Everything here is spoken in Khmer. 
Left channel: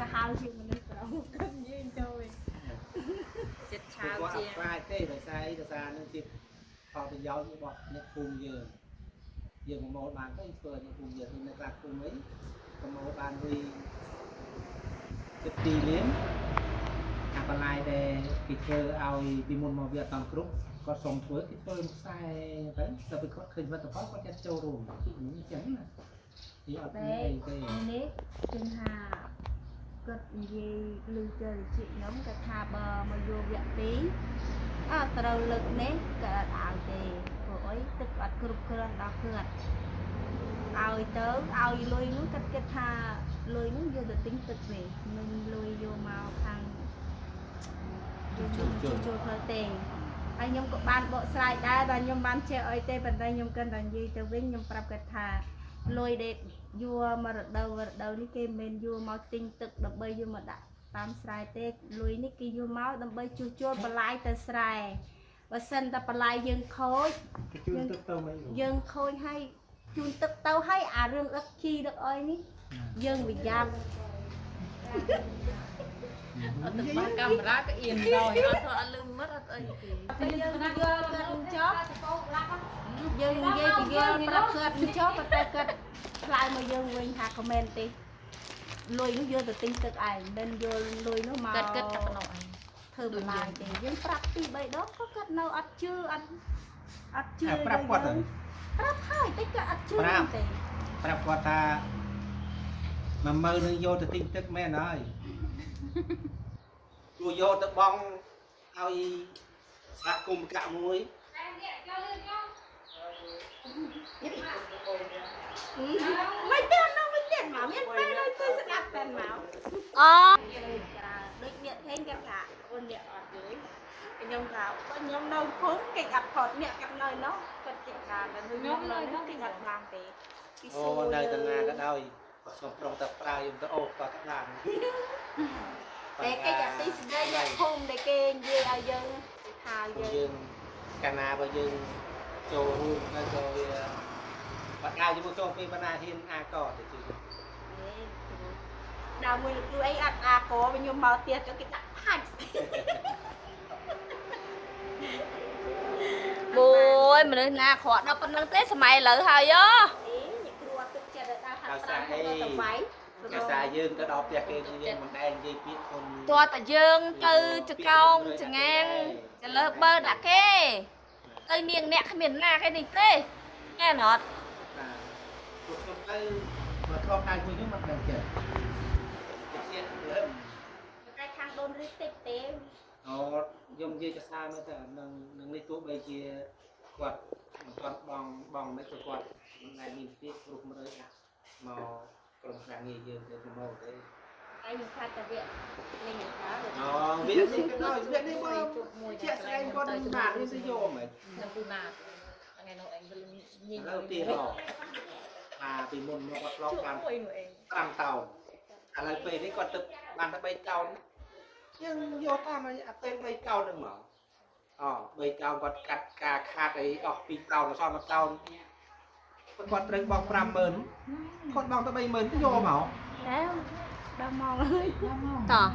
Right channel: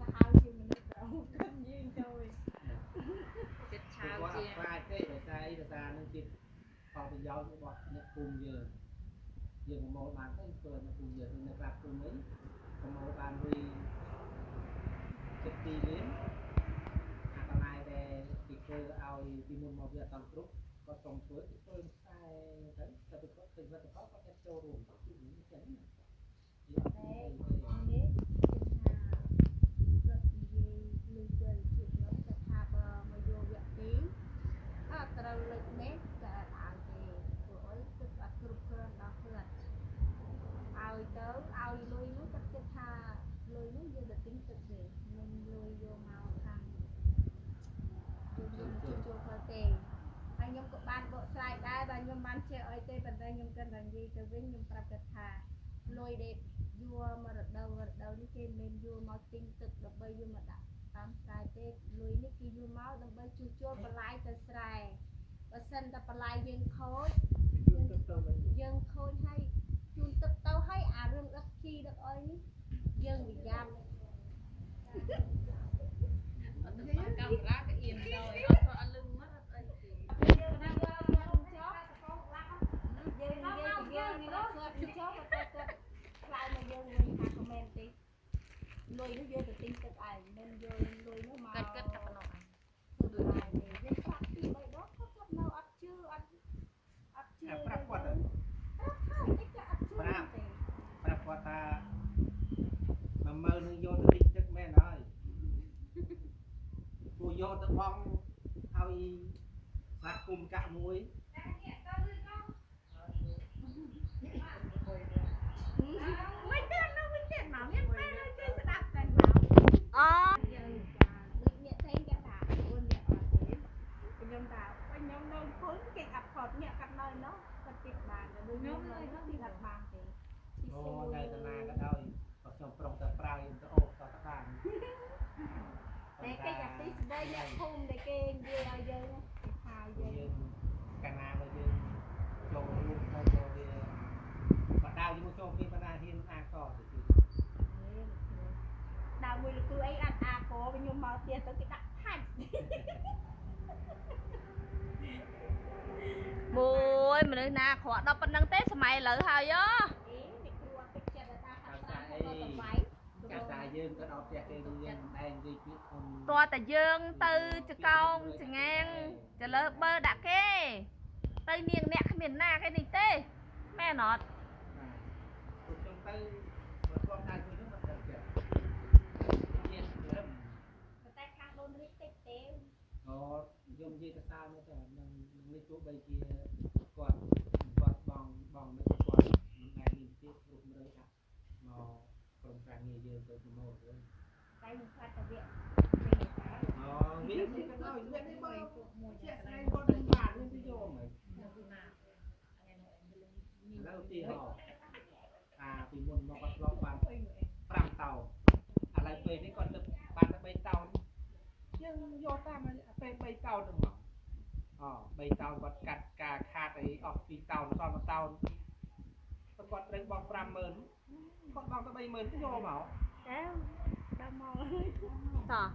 សាហាវជាងមនុស្សប្រហុកគាត់យើងចូលចិត្តឆាវជាងខ្លាចទេដោយសារអីដោយសារនឹងជាផលប្រយោជន៍របស់អ្នកភូមិយើងមកមកបានទៅធ្វើអ្នកភូមិយើងនៅខ្លះភូមិអីប្រមូលបានលុយចិត្ត2លានអាបន្លាយដែលគេធ្វើឲ្យពីមុនមកវាអត់តាមគ្រប់គាត់សុំធ្វើគេធ្វើខ្សែទៅតែពេលគាត់ឃើញលទ្ធផលគាត់ចិត្តចូលរួមអញ្ចឹងណាពីអត់មានអីទេនេះគឺថាគាត់និយាយឮទៅជាខ្ញុំគាត់ថាបើមកយកវគ្គ2ត្រូវលើកនេះគាត់អត់ឲ្យទេព្រោះអីទឹកអត់គ្រប់គ្រាន់ដល់គាត់ឲ្យទៅឲ្យលុយនោះគាត់គិតថាលុយនោះយកទៅទិញទឹកវិញមិនលុយយកមកខាងយកចូលផ្លូវទេហើយខ្ញុំក៏បានបកស្រាយដែរបាទខ្ញុំបានចេះអីទេប៉ុន្តែខ្ញុំគិតតែនិយាយទៅវិញខ្ញុំប្រាប់គាត់ថាលុយដែលយកមករដូវនេះគេមិនយកមកទិញទឹកដើម្បីយកមកដាក់តាមស្រែទេលុយនេះគេយកមកដើម្បីជួសជុលបន្លាយទៅស្រែបើសិនតែបន្លាយយើងខូចយើងខូចហើយជូនទឹកទៅហើយអារឿងដឹកជីដឹកអីនេះយើងប្រយ័ត្នអត់ទៅបាកាមេរ៉ាក៏អៀនដល់អត់លឹងមើលអត់អីទេយើងយកគាត់ចប់យើងនិយាយពីយើងប្រាប់គាត់ចប់តែគាត់ឆ្លើយមកយើងវិញថាខមមិនទេលុយនោះយកទៅទិញទឹកឯងមិនយកលុយនោះមកគាត់តែប៉ុណ្ណោះឯងធ្វើបន្លាយទេយើងប្រាប់2 3ដងក៏គាត់នៅអត់ជឿអត់ជឿប្រាប់គាត់ប្រាប់ហើយតែគាត់អត់ជឿទេប្រាប់គាត់ថា10000នឹងយកទៅទិញទឹកមែនហើយគួរយកទៅបងឲ្យស្លាកគុំកាក់មួយមិនទេនោះមិនទេមកមានពេលដូចទៅស្ដាប់តែមកអូដូចអ្នកថេងគាត់ថាអូនអ្នកអត់ទេខ្ញុំថាខ្ញុំនៅភូមិគេអត់ផតអ្នកគាត់នៅនោះគាត់ជិះថាតែខ្ញុំនៅនោះគេអត់បានទេអូនៅតាណាក៏ដោយខ្ញុំប្រុសតែប្រើខ្ញុំទៅអូក៏បានតែគេអាទីស្ដីអ្នកភូមិដែលគេនិយាយឲ្យយើងថាយើងកាលណាបើយើងចូលរួមនៅក៏វាបាត់ដៅជាមួយចូលពីបណ្ណាហ៊ានអាកទៅជឿដល់មួយលោកគ្រូអីអត់អាកខ្ញុំមកផ្ទះទៅគេដាក់ផាច់អូយមនុស្សណាអាក្រក់ដល់ប៉ុណ្្នឹងទេសម័យឥឡូវហើយអ្នកគ្រូអត់ទឹកចិត្តដល់ហាត់ប្រាំទៅទៅវាយភាសាយើងទៅដល់ផ្ទះគេយើងមិនដែរនិយាយពាក្យខ្លួនតើតែយើងទៅចកោងចងាងទៅលើបើដាក់គេទៅនាងអ្នកគ្មានណាគេនេះទេមែនអត់ពួកខ្ញុំទៅមកធ្លាប់ដៃមួយខ្ញុំមិនដឹងចិត្តទៀតតែខាងដូនរីតិចទេអូខ្ញុំនិយាយភាសាមើលទៅនឹងនេះទោះបីជាគាត់បងមិនទៅគាត់មិនដែលមានទៀតគ្រប់មើលមកក្រុមការងារយើងទៅប្រមូលទេហើយខ្ញុំខាត់តែវានេះថាអូវានេះក៏ដោយវានេះមកជាក់ស្ដែងគាត់នឹងបានវាទៅយកហ្មងខ្ញុំពីណាថ្ងៃនោះឯងវិញញញទៅទីហោពីមុនមកគាត់ធ្លាប់បាន5តោនឥឡូវពេលនេះគាត់ទឹកបានតែ3តោនយើងយកតាមអាពេល3តោនហ្នឹងមក3តោនគាត់កាត់ការខាតអីអស់2តោនសល់1តោនគាត់ត្រូវបង់50000គាត់បង់តែ30000ទៅយកមកដល់មកហើយតោះ